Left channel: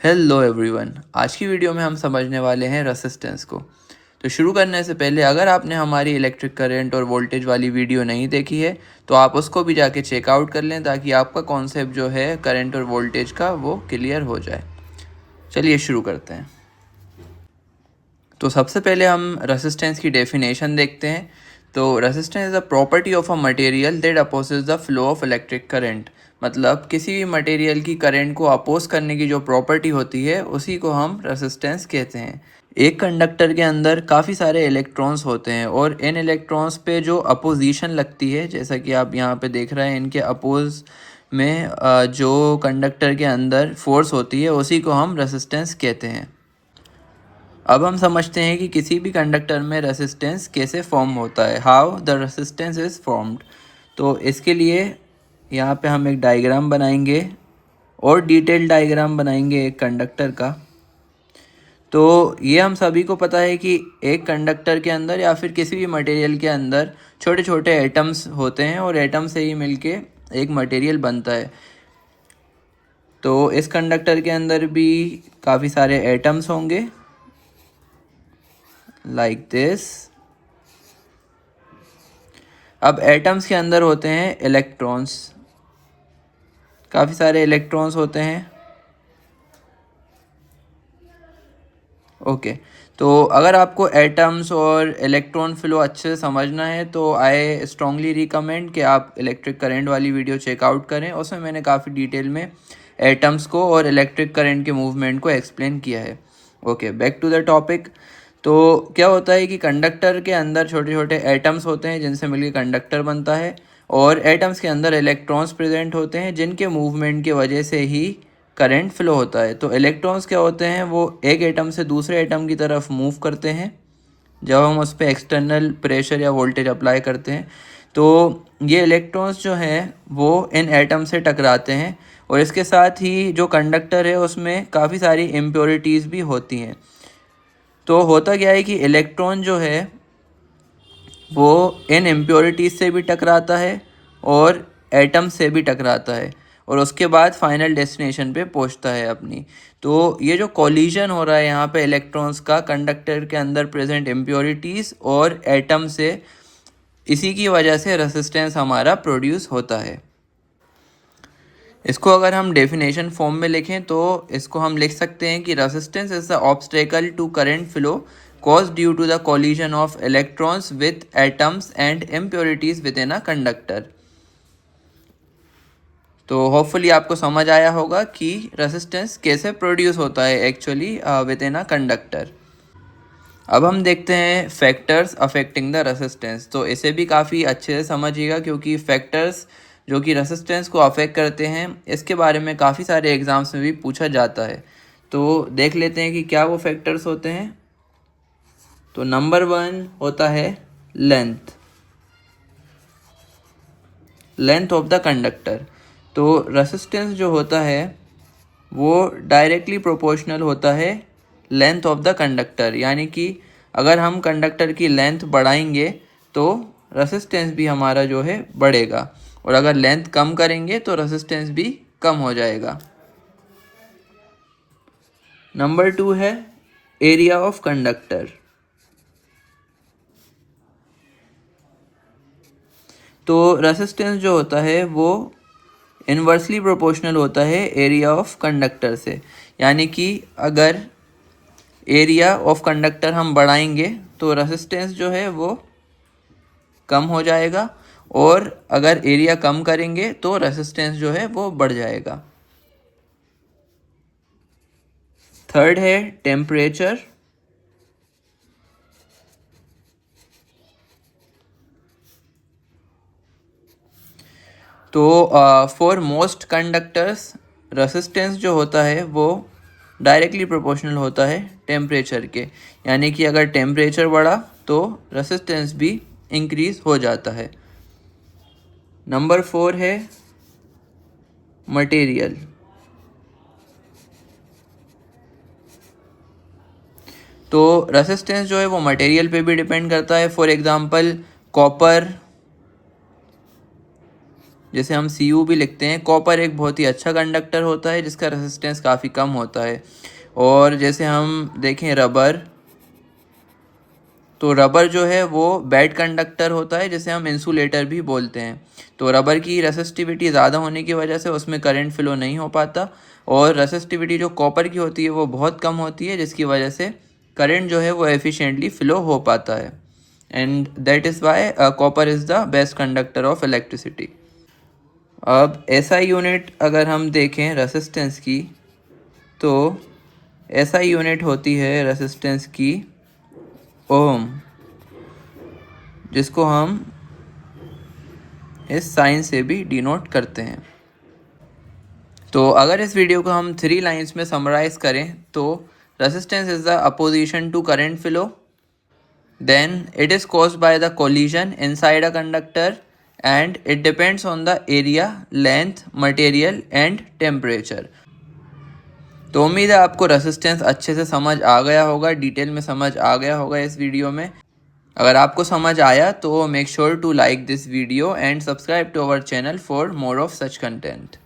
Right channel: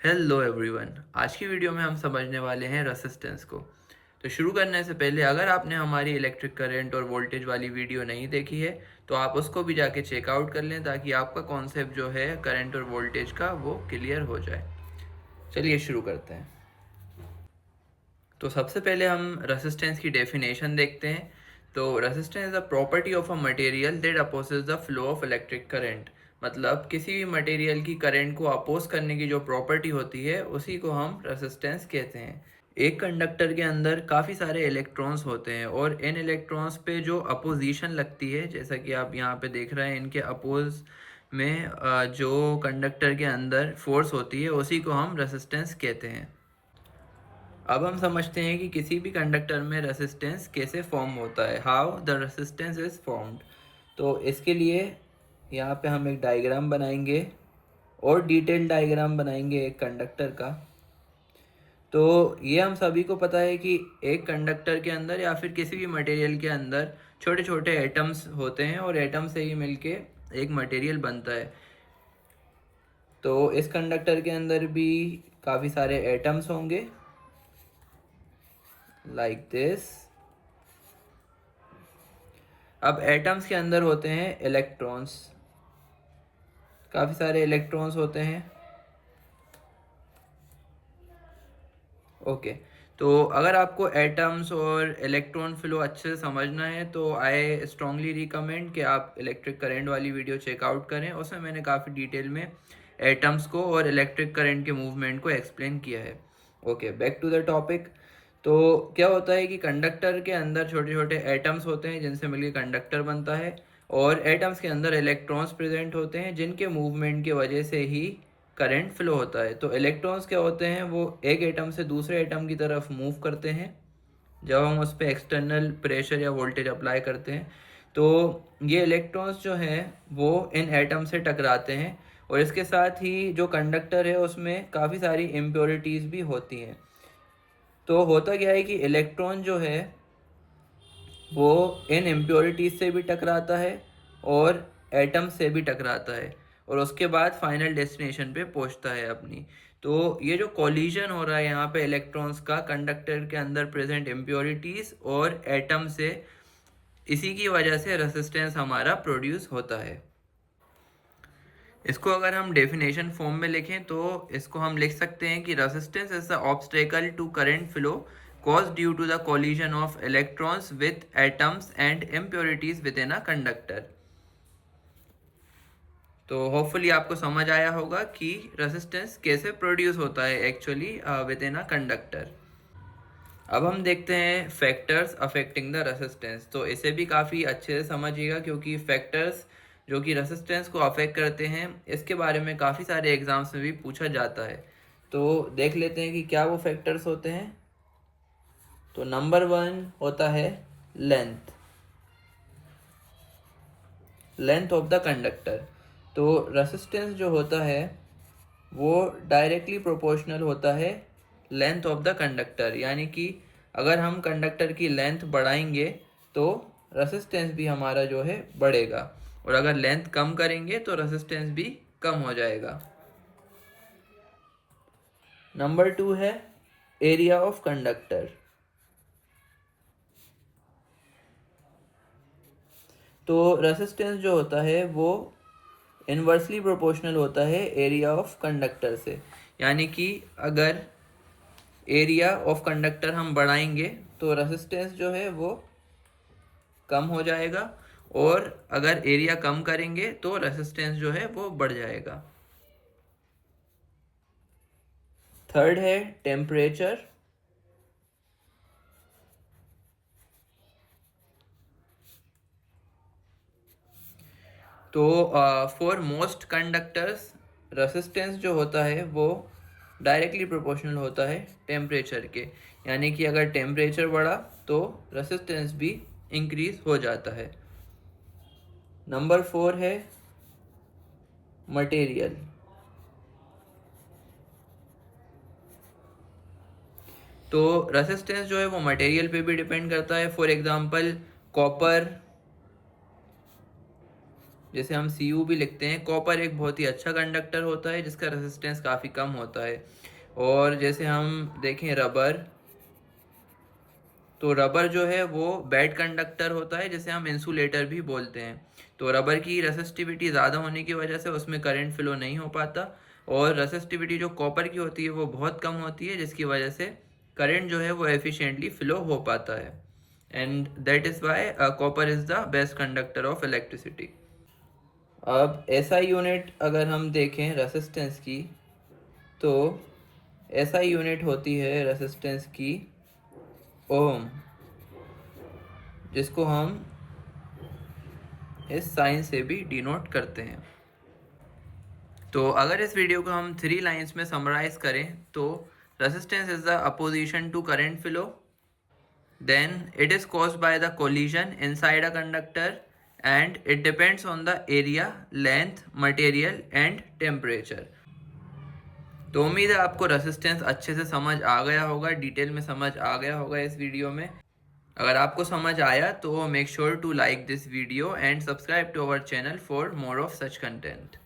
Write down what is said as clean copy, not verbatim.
Hello everyone, आज की video में हम समझने वाले हैं रेसिस्टेंस को। तो शुरू करने से पहले अगर आपने हमारी इलेक्ट्रिक करंट और वोल्टेज वाली वीडियो नहीं देखी है तो आप उसको भी जाके चेकआउट कर लें ताकि आपका कॉन्सेप्ट जो है करंट और वोल्टेज का वो क्लियर हो जाए। चलिए शुरू करते हैं। तो सबसे पहले हम रेसिस्टेंस की डेफिनेशन देखते हैं। तो resistance is a property of a material that opposes the flow of electric current. मतलब किसी भी मटेरियल की करंट को अपोज करने की जो प्रॉपर्टी होती है उसी को हम रेसिस्टेंस कहते हैं। एक कंडक्टर के अंदर काफ़ी सारे इलेक्ट्रॉन्स होते हैं और इन इलेक्ट्रॉन्स पे जो अपोजिशन लगती है, जैसा कि आप यहाँ पे देख रहे हैं, इनके अपोज में जो कंडक्टर के अंदर फोर्स होती है उसी को हम रेसिस्टेंस कहते हैं। अब हम समझते हैं कि किसी भी कंडक्टर में रेसिस्टेंस कैसे फॉर्म होता है, how the resistance is formed. तो इसके लिए यहाँ पे हम एक डायग्राम बनाएंगे और डिटेल डायग्राम बनाएंगे एक कंडक्टर का। तो ये हम सभी को पता है कि एक कंडक्टर के अंदर या फिर किसी भी मटेरियल के अंदर छोटे छोटे एटम्स होते हैं और एटम से ही मिलके एक मटेरियल बनता है। तो इस कंडक्टर के अंदर भी काफ़ी सारे एटम्स होंगे लाइक दिस। अब एटम्स के अंदर होते हैं इलेक्ट्रॉन्स, काफ़ी सारे इलेक्ट्रॉन्स होते हैं। ओके, तो अगर आपको एटम्स और इलेक्ट्रॉन फ्लो अच्छे से समझना है तो आई स्ट्रांगली रिकमेंड कि आप इलेक्ट्रिक करंट वाली वीडियो चेकआउट करें। उसमें मैंने काफ़ी डिटेल में एटम्स को और इलेक्ट्रिक करंट के मूवमेंट को एक्सप्लेन किया है। Okay, back to the topic. तो क्या होता है कि कंडक्टर के अंदर छोटे छोटे एटम्स होते हैं जिनसे मिलकर कंडक्टर बनता है और एटम्स के अंदर इलेक्ट्रॉन्स प्रेजेंट होते हैं जिनके मूवमेंट की वजह से ही करंट फ्लो होता है। तो इलेक्ट्रॉन्स क्या होते हैं, वो एक एटम से दूसरे एटम की तरफ मूव करते हैं जब हम उस पर एक्सटर्नल प्रेशर या वोल्टेज अप्लाई करते हैं। तो ये इलेक्ट्रॉन्स जो हैं वो इन एटम से टकराते हैं और इसके साथ ही जो कंडक्टर है उसमें काफ़ी सारी इम्प्योरिटीज़ भी होती हैं। तो होता क्या है कि इलेक्ट्रॉन जो है वो इन इम्प्योरिटीज़ से भी टकराता है और एटम से भी टकराता है और उसके बाद फाइनल डेस्टिनेशन पे पहुंचता है अपनी। तो ये जो कोलिजन हो रहा है यहाँ पे इलेक्ट्रॉन्स का कंडक्टर के अंदर प्रेजेंट इम्प्योरिटीज़ और एटम से, इसी की वजह से रेसिस्टेंस हमारा प्रोड्यूस होता है। इसको अगर हम डेफिनेशन फॉर्म में लिखें तो इसको हम लिख सकते हैं कि resistance is the obstacle to current flow caused due to the collision of electrons with atoms and impurities within a conductor। तो होपफुली आपको समझ आया होगा कि रेसिस्टेंस कैसे प्रोड्यूस होता है actually with in a conductor. अब हम देखते हैं फैक्टर्स अफेक्टिंग द रेसिस्टेंस। तो इसे भी काफ़ी अच्छे से समझिएगा क्योंकि फैक्टर्स जो कि रेसिस्टेंस को अफेक्ट करते हैं इसके बारे में काफ़ी सारे एग्जाम्स में भी पूछा जाता है। तो देख लेते हैं कि क्या वो फैक्टर्स होते हैं। तो नंबर 1 होता है length, length of the conductor. तो रेसिस्टेंस जो होता है वो डायरेक्टली प्रोपोर्शनल होता है लेंथ ऑफ द कंडक्टर, यानी कि अगर हम कंडक्टर की लेंथ बढ़ाएंगे तो रेसिस्टेंस भी हमारा जो है बढ़ेगा और अगर लेंथ कम करेंगे तो रेसिस्टेंस भी कम हो जाएगा। नंबर 2 है एरिया ऑफ कंडक्टर। तो रेसिस्टेंस जो होता है वो इन्वर्सली प्रोपोर्शनल होता है एरिया ऑफ कंडक्टर से, यानी कि अगर एरिया ऑफ कंडक्टर हम बढ़ाएंगे तो रेसिस्टेंस जो है वो कम हो जाएगा और अगर एरिया कम करेंगे तो रेसिस्टेंस जो है वो बढ़ जाएगा। थर्ड है टेम्परेचर। तो फॉर मोस्ट कंडक्टर्स रेसिस्टेंस जो होता है वो डायरेक्टली प्रोपोर्शनल होता है टेम्परेचर के, यानी कि अगर टेम्परेचर बढ़ा तो रेसिस्टेंस भी इंक्रीज हो जाता है। नंबर 4 है मटेरियल। तो रेसिस्टेंस जो है वो मटेरियल पे भी डिपेंड करता है। फॉर एग्जांपल कॉपर जैसे हम Cu भी लिखते हैं। कॉपर एक बहुत ही अच्छा कंडक्टर होता है जिसका रेसिस्टेंस काफ़ी कम होता है। और जैसे हम देखें रबर, तो रबर जो है वो बैड कंडक्टर होता है जिसे हम इंसुलेटर भी बोलते हैं। तो रबर की रेसिस्टिविटी ज़्यादा होने की वजह से उसमें करंट फ्लो नहीं हो पाता, और रेसिस्टिविटी जो कॉपर की होती है वो बहुत कम होती है, जिसकी वजह से करंट जो है वो एफिशिएंटली फ्लो हो पाता है। And that is why copper is the best conductor of electricity. अब एसआई यूनिट अगर हम देखें रेसिस्टेंस की, तो एसआई यूनिट होती है रेसिस्टेंस की ओम, जिसको हम इस साइन से भी डिनोट करते हैं। तो अगर इस वीडियो को हम 3 लाइंस में समराइज करें तो resistance is the opposition to current flow, then it is caused by the collision inside a conductor, and it depends on the area, length, material and temperature. तो उम्मीद है आपको रेसिस्टेंस अच्छे से समझ आ गया होगा, डिटेल में समझ आ गया होगा इस वीडियो में। अगर आपको समझ आया तो make sure to like this video and subscribe to our channel for more of such content.